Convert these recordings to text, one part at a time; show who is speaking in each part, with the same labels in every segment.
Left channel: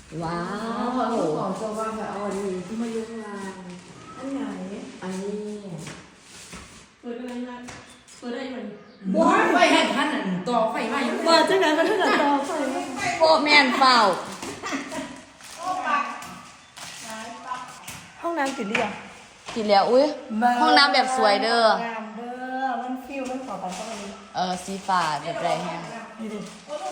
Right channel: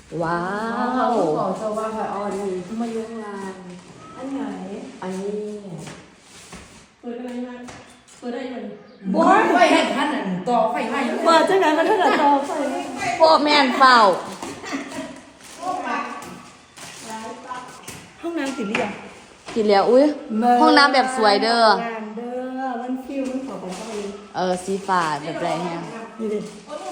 Speaker 1: ว้าวต่อจะว่าแบบอันนี้ที่มายุ่งงานอันไหนอันนี้
Speaker 2: เปิดอะไรมาเปิดได้ยัง
Speaker 1: บ้าไฟแห่งท่านต่อไฟไหม้
Speaker 3: เปิดจังไหนมันถ้าเกิดต่อไฟ
Speaker 1: โอ้แม่นเปล่า
Speaker 3: ห้องน้ำติดเรียง
Speaker 1: ทีแล้วอุ้ยห้องน้ำแบบสวยเด้อ
Speaker 3: มันฟิลมันขอไปเข้าอี
Speaker 1: สีฟ้าแบบนี้
Speaker 3: นี่ดิ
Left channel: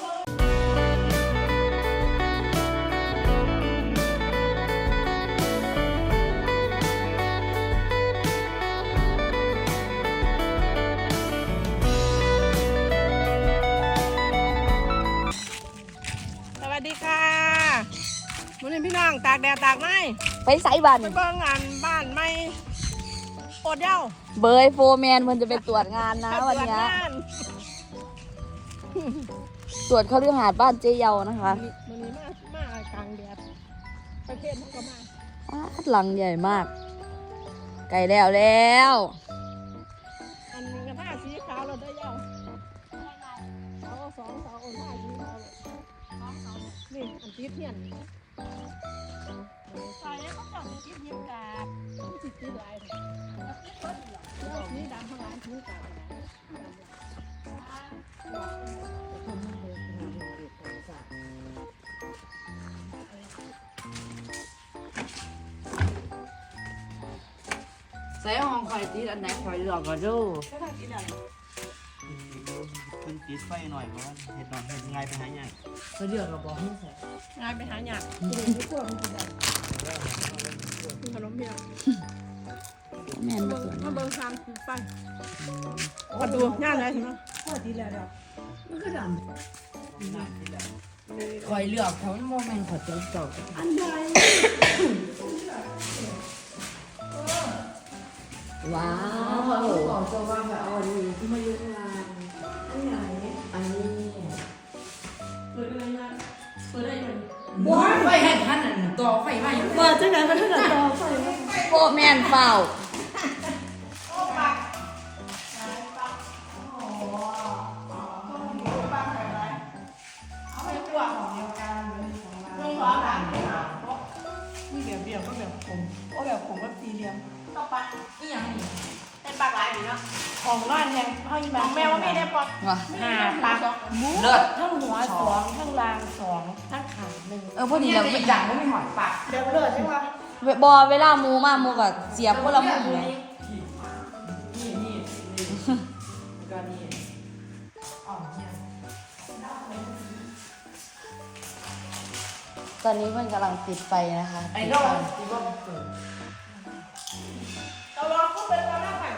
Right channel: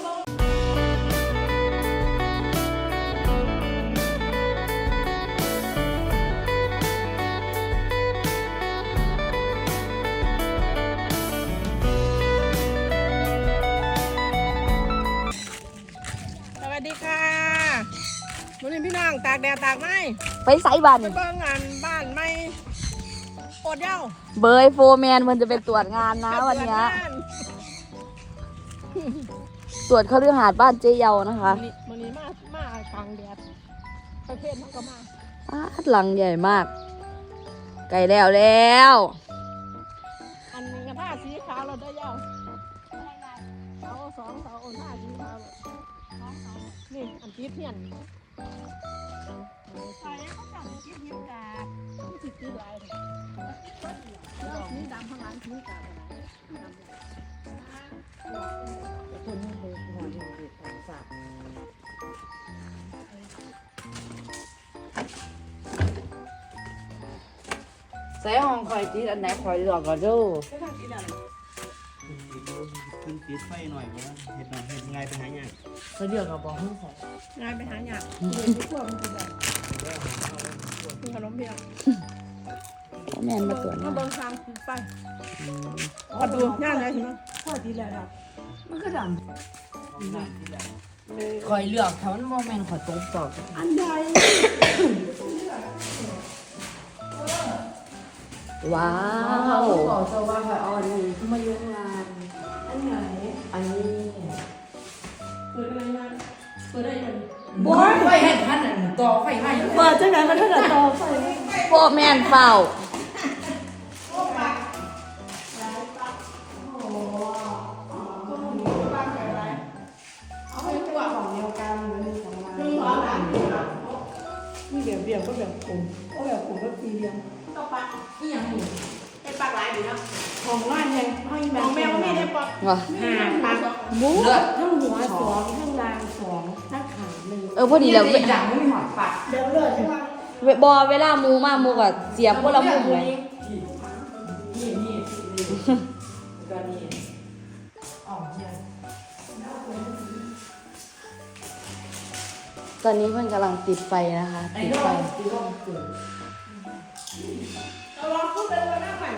Speaker 2: สวัสดีค่ะวันนี้พี่น้องตากแดดตากไม้
Speaker 1: ไปไซบ้าน
Speaker 2: ไปเบิ่งงานบ้านไม่โอดเย้า
Speaker 1: เบยโฟร์แมนมันจะไปตรวจงานนะวันนี้ตรวจเขาเรื่องหาดบ้านเจเยานะคะ
Speaker 2: วันนี้มาทางแดดประเทศมันก็มา
Speaker 1: หลังใหญ่มากไกลแล้ว
Speaker 2: อันนี้ก็น่าสีขาวเราได้ยาวสองโอ้หน้าสีขาวนี่อันที่เพี้ยนใส่เขาจับที่เพี้ยนกับที่ที่ไรนี่ดำที่ร้านที่กับ
Speaker 1: ใส่ห้องคอยตีอันไหนคอยหลอกก็ดู
Speaker 4: ขึ้นติดไฟหน่อยเพราะว่าเห็ดหน่อยเห็ดง่ายไปหาอย่าง
Speaker 1: เขาเดือดกับบอกให้ใส่
Speaker 2: ง่ายไปหาอย่างขนมเปี๊ยะ
Speaker 1: แม่มาตรวจ
Speaker 2: มาเบิ่งทางคือไฟประตูย่านไหนถึงพอดีแล้ว
Speaker 1: มันก็ดำคอยเลือกเขาโมเมนต์ขอตรงต่อ
Speaker 2: อันใด
Speaker 1: ว้าวต่อจะว่าแบบอันนี้ที่มายุ่งงาน
Speaker 2: อันไหน
Speaker 1: อันนี้
Speaker 2: เปิดอะไรมาเปิดได้ยัง
Speaker 1: บ้าไฟแห่งท่านต่อไฟไหม้
Speaker 3: เปิดจังไหนมันถ้าเกิดต่อไฟ
Speaker 1: โอ้แม่นเปล่า
Speaker 3: มีแบบเดียวก็แบบผมก็แบบผมก็ตีเรียม
Speaker 2: ต่อไปนี่อย่างนี้ได้ปากหลายอยู่เนาะ
Speaker 3: ของน้อยไงให้
Speaker 2: ของแมวก็ไม่ได้ปอก
Speaker 3: ปากหมูทั้งหัวสองทั้งรางสองทั้งขาหนึ่ง
Speaker 1: พอดีแล้ว
Speaker 3: จังไม่มีหอยปากเดี๋ยวเลยใช่ไหม
Speaker 1: บอเวลามูมามูกับเสียบพวกเรามุมเลยตอนนี้มันกำลังติดไฟนะคะ
Speaker 2: ไอ้น้องเราลองพูดเป็นวันหน้าผ่าน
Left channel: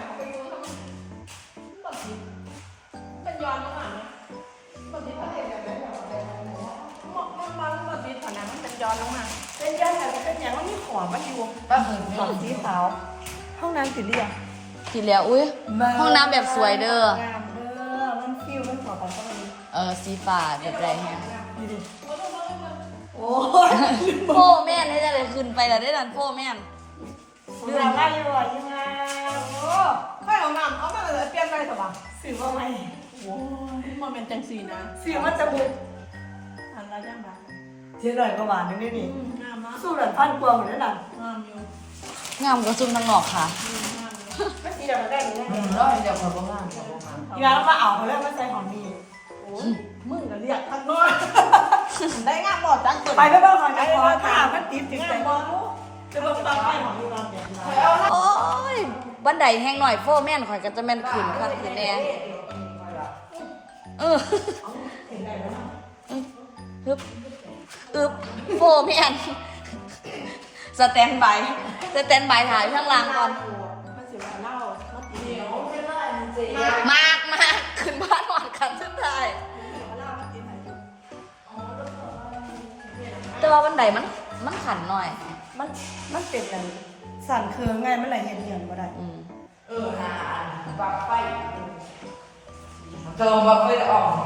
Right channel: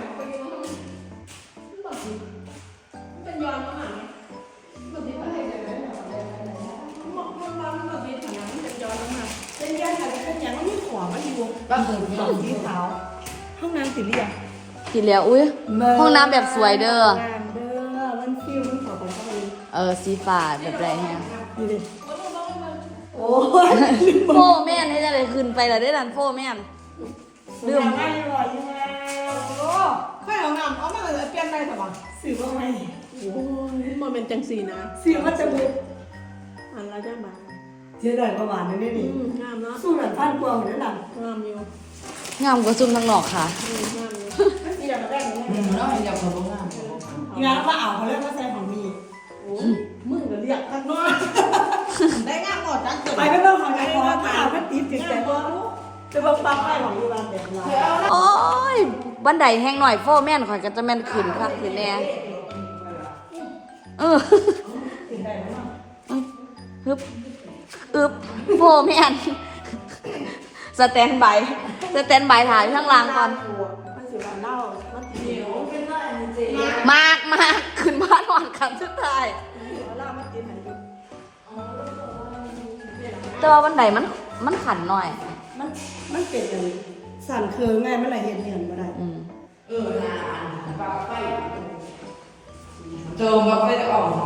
Speaker 2: เป็นย้อนมาไหมบางทีเขาเห็นแบบนั้นบางทีผ่านนั้นเป็นย้อนลงมา
Speaker 3: เป็นย้อนเป็นอย่างมันมีหัวมันอยู่บ้านเปิดของสีขาวห้องน้ำติดเรียง
Speaker 1: ทีแล้วอุ้ยห้องน้ำแบบสวยเด้อ
Speaker 3: มันฟิลมันขอไปเข้าอี
Speaker 1: สีฟ้าแบบนี้
Speaker 3: นี่ดิ
Speaker 1: โอ้แม่นี่เลยขึ้นไปแล้วได้รันโแม่
Speaker 3: เรื่องไม่หรอกยังไง
Speaker 2: โอ้ค่อยเอาน้ำเอามาเลยเปลี่ยนไปสบาย
Speaker 3: สื่อว่าไม่
Speaker 2: โอ้ยมันเป็นจังสีนะ
Speaker 3: สื่อมันจะบุก
Speaker 2: อันละได้มา
Speaker 3: เทียนหน่อยประมาณนี้นี่
Speaker 2: งามนะ
Speaker 3: สู้หลังพันกว่าเหมือนนั่น
Speaker 2: งามอยู่
Speaker 1: งามก็จุ่มน้ำหลอกค่ะ
Speaker 2: งามอยู่ก็ทีเดียวมาได้
Speaker 1: แล้วทีเดียวคนก็งาม
Speaker 3: ทีนั้นมาเอาเรื่องมาใส่ของมี
Speaker 2: โอ้มึงก็เรียกตั้งน้อยได้งามหมดจัง
Speaker 3: ไปก็เรื่องของไหนว่าถ้ามันติดติดใจว่าจะลงฟังให้ของดูแลเด็ก
Speaker 1: โอ้ยบันไดแห้งหน่อยพ่อแม่นขอจะแม่นขึ้นครับขึ้นแรงพ่อแม่นสแตนบายถ่ายข้างล่างก่อนมากขึ้นบ้านหวังคำสุดท้ายแต่ว่าวันไหนมันขันหน่อย
Speaker 3: มันเป็นอะไรสั่นเคืองไงมันอะไรเหียนมาได้
Speaker 1: ปากไฟเจอมาเขาได้ออก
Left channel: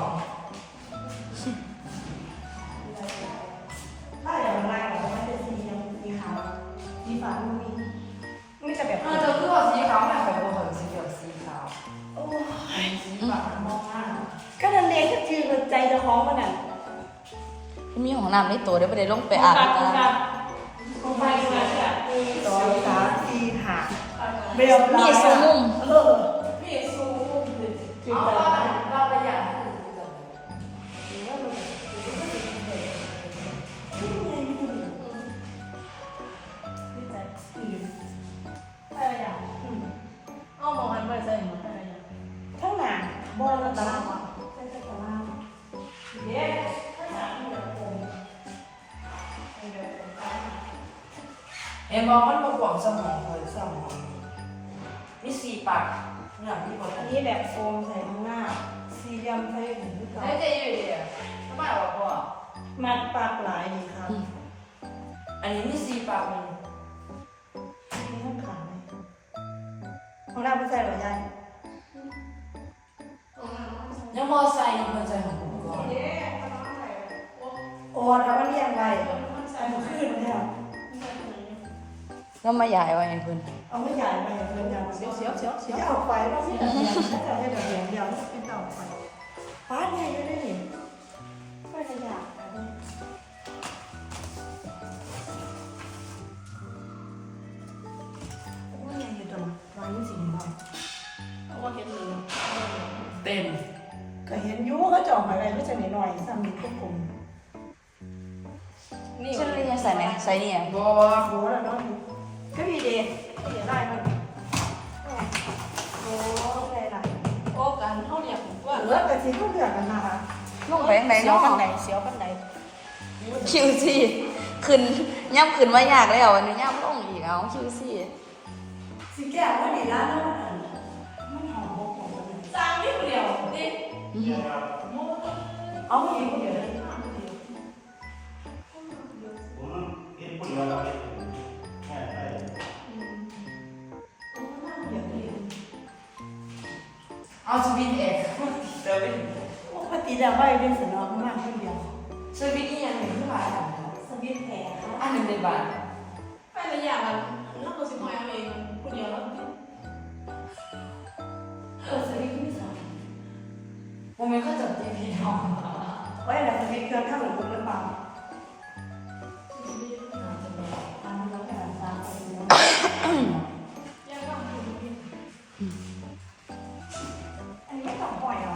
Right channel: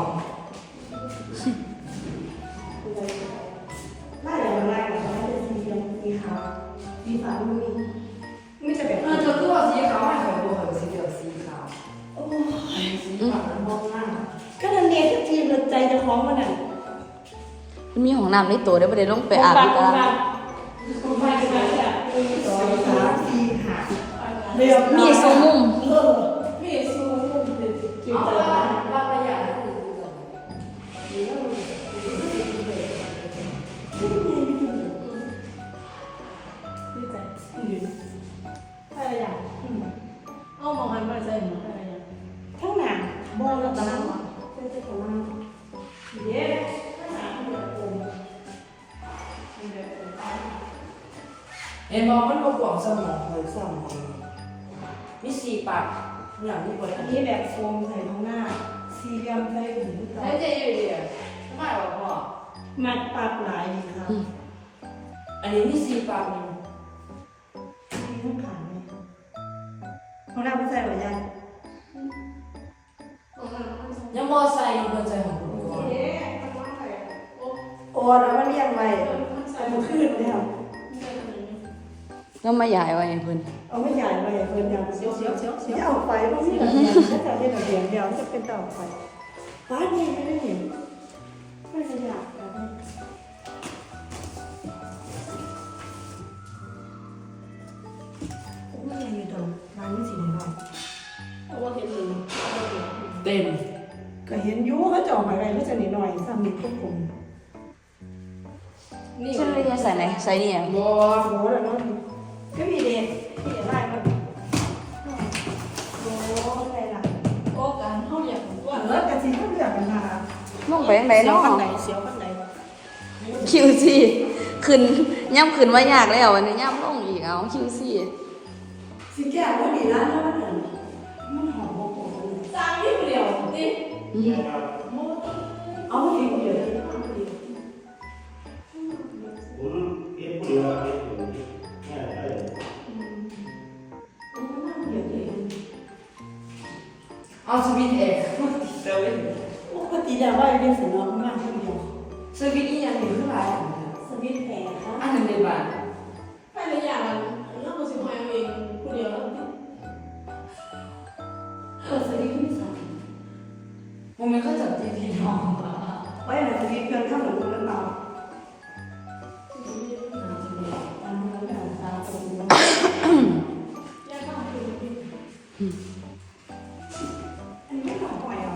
Speaker 3: ไล่อย่างไรก็ไม่ได้สีขาวสีฟ้าไม่จะแบบ
Speaker 1: เธอตัวสีขาวไม่ของผมสีเขียวสีขาว
Speaker 3: ก็เดินเรียนแค่จีนใจจะฟ้องมันอ่ะ
Speaker 1: มีของน้ำในตัวได้ประเดี๋ยวต้องไปอ่าน
Speaker 3: โรงพยาบาล2 3 4 5เรียบร้อยนี่ซูจุดเราประหยัดเอามองหันมาใส่หนูข้างหน้าโบราณตาใส่ข้างหน้าเย้เห็นบอกมันมาปวงสมองเลยสมองมี4 ปากเนี่ยมีคนอันนี้แบบโฟมใส่ข้างหน้า4 เหลี่ยมใส่หูต่อไม่ใช่อยู่ดีทำไมออกบ่มัดปากหลายดีครับอันนี้มี4 ปากนี่มีข้างขาเนี่ยของเราไม่ใส่หรอยังยังบ่ใส่ยังบ่ใส่ของกูโอ้นะว่าเรียกไปมันขึ้นเลยครับ
Speaker 1: แล้วมาใหญ่อะไรเพิ่น
Speaker 2: เอาไม่ใหญ่ไปเพิ่นยังเสียวที่เอาไปไม่ใช่แบบนี้ถ้าจะเป็นแบบเดียวจะเป็นต่อไปป้าเนี่ยก็ได้เห็นไม่ขยับแบบนี้ไม่ยังอยู่ตรงร้านนี้สิหน่อยเพราะว่าเห็นอยู่
Speaker 3: เต็ม
Speaker 2: ก็เห็นยูเขาจ่องอะไรก็จะนิดหน่อยสามีควบคุม
Speaker 3: นี่
Speaker 1: ใช่ไม่ใส่เลยใส่นี่อย่าง
Speaker 3: บ่
Speaker 2: โอ้โหแล้วน้องก็พี่เดชพี่เดชได้แล้วโอ้อะไรล่ะ
Speaker 3: โอ้การเฮาอยากว่า
Speaker 2: เลิกกันสิเขาเลือกกันมา
Speaker 1: ไปไหน
Speaker 2: เสียว
Speaker 1: เนาะ
Speaker 2: กันไหนเสียวกันไหน
Speaker 1: คิวซี่ขึ้นย่ำขึ้นไว้ยากแล้ววันนี้ย่ำต้องอีกเอาคิวซี่
Speaker 2: สิแก้วก็ดีนะน้องมันหอมหอม
Speaker 3: สร้างนิดเดียวนี่
Speaker 2: เอาไม่ดีเดียวเลย
Speaker 3: เอาสวิตเอกเดี๋ยว
Speaker 2: ปกติแล้วว่าเรียนสนองมากคนเดียว
Speaker 3: สวิตนี่ยังอยู่เท่าไหร่
Speaker 2: สวิตแพง
Speaker 3: อันหนึ่งเดือนบาท
Speaker 5: ไปละอย่างแล้วเราสิมาเองคนเดียวแล้ว
Speaker 2: สวิตที่สอง
Speaker 3: ผมมีก็จัดทีวีเนาะ
Speaker 2: ไว้หลังสวิตเครื่องข้างหลังตัวนั้นเบาตามมาตามตาอันนี้ไม่ต้องปล่อยเอา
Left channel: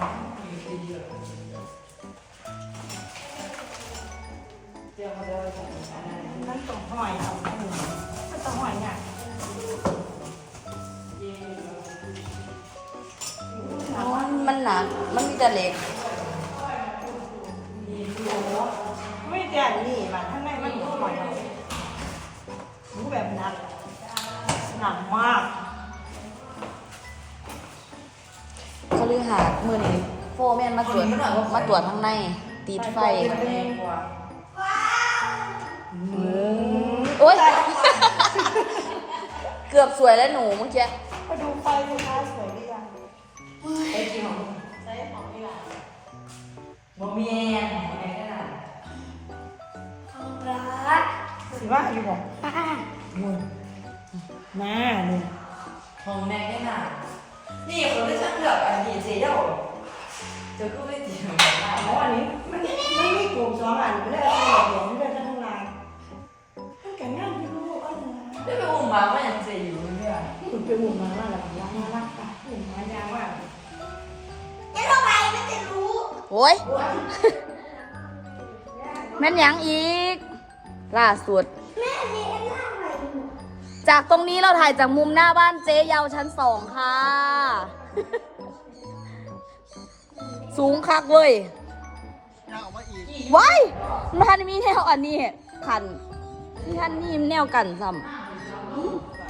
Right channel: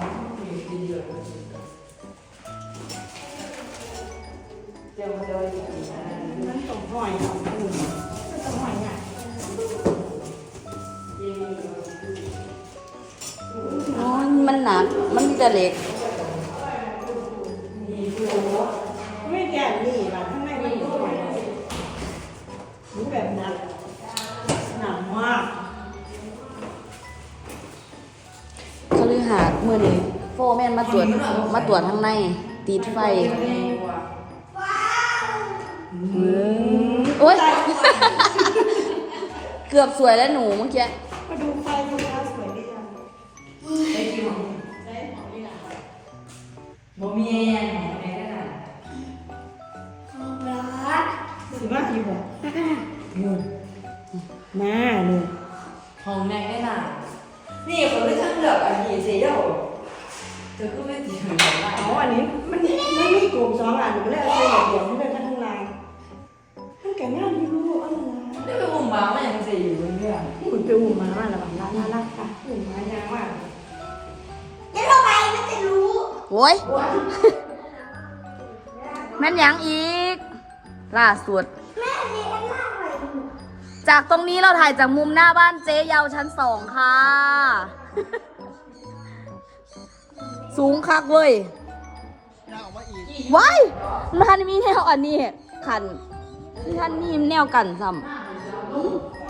Speaker 2: นั่นต้องปล่อยเอาก็ต้องปล่อยเนี่ย
Speaker 1: มันหนักมันจะเล็ก
Speaker 2: ไม่แก่นี่ล่ะข้างในมันก็ปล่อยรู้แบบนั้นหนักมาก
Speaker 1: ก็เลยหาเมื่อนี้โฟแม่มาตรวจมาตรวจข้างในตีไฟอุ้ยเกือบสวยแล้วหนูเจ๊
Speaker 2: มาดูไฟดูร้านสวยดีอ่ะ
Speaker 3: ไอ้จริงเหรอบ่มีไอ้นั่นน่ะ
Speaker 2: สิว่าอยู่บอกมือมาเลย
Speaker 3: ของแม่ได้น่ะนี่คนที่ฉันเลือกอันนี้สิเด้อจะก็ไม่ตีเหมือนกันได้
Speaker 2: อ๋ออันนี้มันมีกลุ่ม2 อันไม่ได้เอาไปเดี๋ยวไม่ได้จะทำลายมันแก่ง่ายที่รู้ว่าอะไร
Speaker 3: เดี๋ยวไปอุ้มมาไม่ยังสิอยู่เรื่อย
Speaker 2: คุณไปอุ่นมาแล้วน่ารักค่ะอุ่นมายากมาก
Speaker 1: โอ้ยแม่นยังอีกล่าสุดจากตรงนี้เราถ่ายจากมุมหน้าบ้านเจ๊เยาวชั้น 2 ค่ะ สูงคักเว้ย
Speaker 4: ยาวมาอีก
Speaker 1: ว้ายมันมีแนวอันนี้ขันที่ท่านมีแนวกันซ้ำ